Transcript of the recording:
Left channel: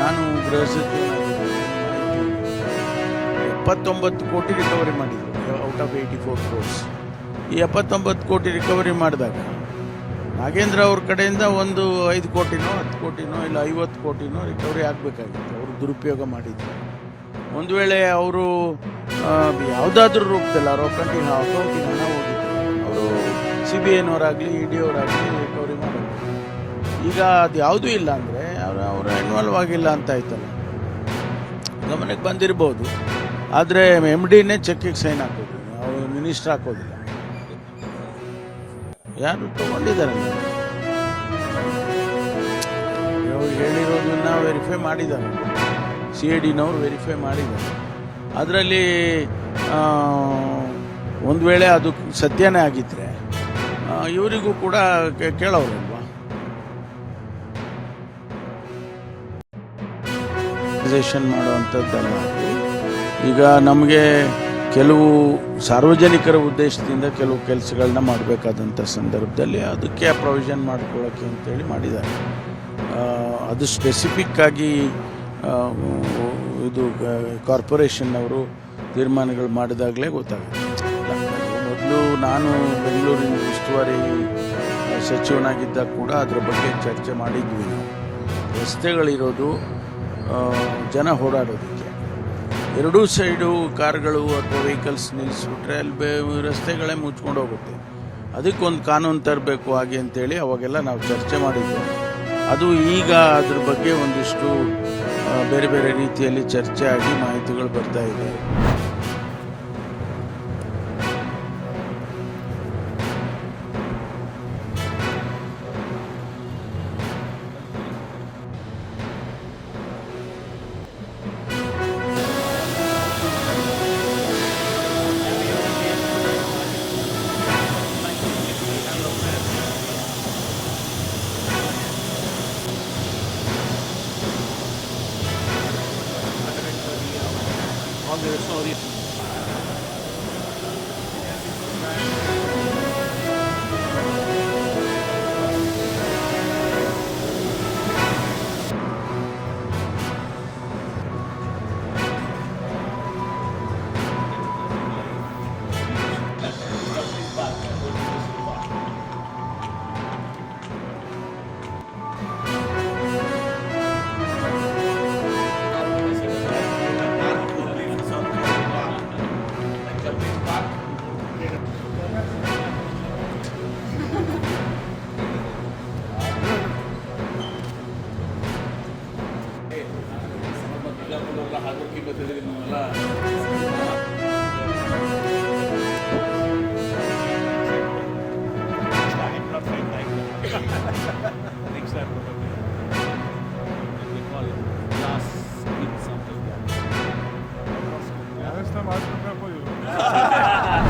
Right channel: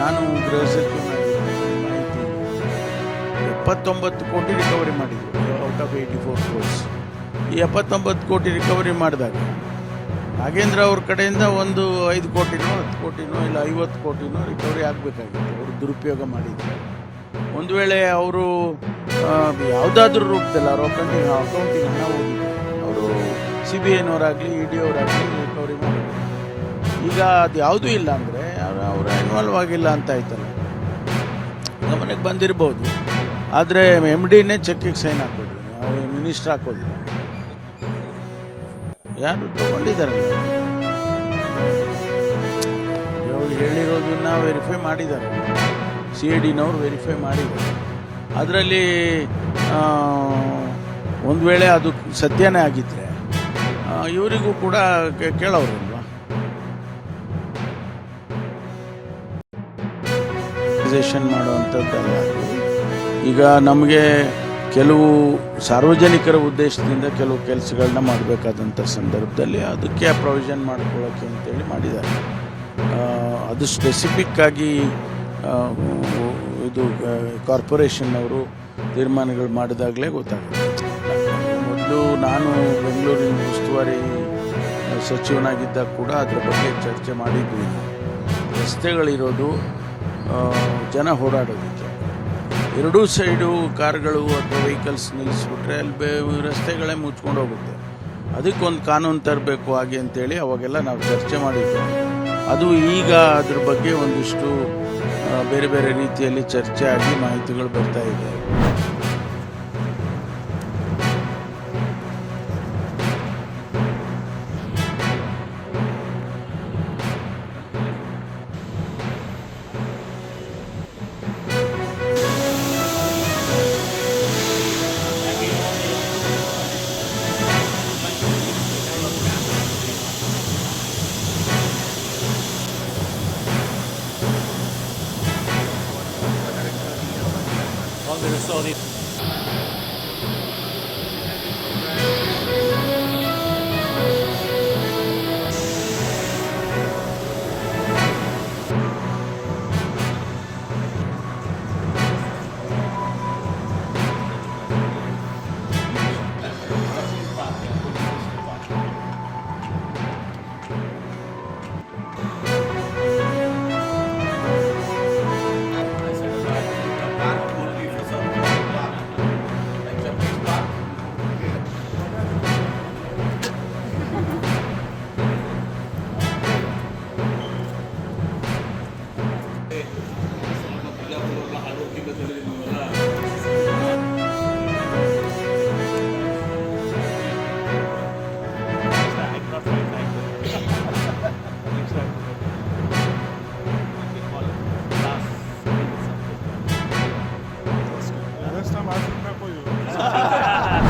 ನಾನು ಗೃಹ ಸಚಿವನಾಗಿದ್ದೆ, ಮಾಹಿತಿ ಇದೆ. 79 ಕೋಟಿ ರಿಕವರಿ ಮಾಡಿದರು ಔಟ್ ಆಫ್ 84 crores. ಈ 79 ಕೋಟಿ ರಿಕವರಿ ಮಾಡಿದಾಗ ನಾಗೇಂದ್ರ ಅವ್ರ ಕಡೆಯಿಂದ ಒಂದು 5 ಕೋಟಿನೋ 10 ಕೋಟಿನೋ ಇಲ್ಲ 50 ಕೋಟಿನೋ ರಿಕವರಿ ಆಗಬೇಕಾಗಿತ್ತು. ಅವರು ದುರುಪಯೋಗ ಮಾಡಿದ್ದಾರೆ. ಒಂದು ವೇಳೆ ಅವರು ಯಾವುದಾದ್ರೂ ರೂಪದಲ್ಲಿ ಅವ್ರ ಅಕೌಂಟಿಗೆ ಹಣ ಹೋಗಿದ್ರೆ ಅವರು CBIನವರಾಗಲಿ ED ಅವರಾಗಲಿ ರಿಕವರಿ ಮಾಡೋದು. ಈಗ ಅದು ಯಾವುದೂ ಇಲ್ಲ ಅಂದರೆ ಅವರ ಇನ್ವಾಲ್ವ್ ಆಗಿಲ್ಲ ಅಂತ ಆಯ್ತಲ್ಲ, ಗಮನಕ್ಕೆ ಬಂದಿರ್ಬೋದು. ಆದರೆ MDನೇ ಚೆಕ್ಕಿಗೆ ಸೈನ್ ಹಾಕೋದು, ಅವ್ರು ಮಿನಿಸ್ಟ್ರ್ ಹಾಕೋದಿಲ್ಲ. ಯಾರು ತೊಗೊಂಡಿದ್ದಾರಲ್ಲ, ಅವ್ರು ಹೇಳಿರೋದನ್ನ ವೆರಿಫೈ ಮಾಡಿದ್ದಾರೆ, CIDನವರು ವೆರಿಫೈ ಮಾಡಿದ್ದಾರೆ. ಅದರಲ್ಲಿ ಒಂದು ವೇಳೆ ಅದು ಸತ್ಯನೇ ಆಗಿದ್ದರೆ ಇವರಿಗೂ ಕೂಡ ಕೇಳೋರಲ್ವಾ. ಮಾಡುವಂಥದ್ದಲ್ಲ ಅದು. ಈಗ ನಮಗೆ ಕೆಲವು ಸಾರ್ವಜನಿಕರ ಉದ್ದೇಶದಿಂದ ಕೆಲವು ಕೆಲಸಗಳನ್ನ ಮಾಡಬೇಕಾದಂಥ ಸಂದರ್ಭದಲ್ಲಿ ಅದಕ್ಕೆ ಪ್ರೊವಿಷನ್ ಮಾಡ್ಕೊಳ್ಳೋಕ್ಕೆ ಅಂತೇಳಿ ಮಾಡಿದ್ದಾರೆ. ಅದು ಸ್ಪೆಸಿಫಿಕ್ಕಾಗಿ ಇದು ಕಾರ್ಪೊರೇಷನ್ನವರು ತೀರ್ಮಾನಗಳು ಮಾಡಿದಾಗಲೇ ಗೊತ್ತಾಗುತ್ತೆ. ಮೊದಲು ನಾನು ಬೆಂಗಳೂರಿನ ಉಸ್ತುವಾರಿ ಸಚಿವನಾಗಿದ್ದಾಗ ಕೂಡ ಅದರ ಬಗ್ಗೆ ಚರ್ಚೆ ಮಾಡಿದ್ವಿ. ನಾವು ರಸ್ತೆಗಳಿರೋದು ಜನ ಓಡಾಡೋದಕ್ಕೆ, ಎರಡೂ ಸೈಡು ಕಾರ್ಗಳು ಅಥವಾ ವೆಹಿಕಲ್ಸ್ ನಿಲ್ಲಿಸ್ಬಿಟ್ರೆ ಅಲ್ಲಿ ರಸ್ತೆಗಳೇ ಮುಚ್ಕೊಂಡು ಹೋಗುತ್ತೆ. ಅದಕ್ಕೊಂದು ಕಾನೂನು ತರಬೇಕು ಹಾಗೆ ಅಂತೇಳಿ ಅವಾಗೆಲ್ಲ ನಾವು ಚರ್ಚೆ ಮಾಡಿದ್ವಿ. ಅದು ಈಗ ಅದ್ರ ಬಗ್ಗೆ ಒಂದಿಷ್ಟು ಬೇರೆ ಬೇರೆ ರೀತಿಯಲ್ಲಿ ಚರ್ಚೆ ಆಗಿ ಮಾಹಿತಿಗಳು ಬರ್ತಾ ಇದೆ.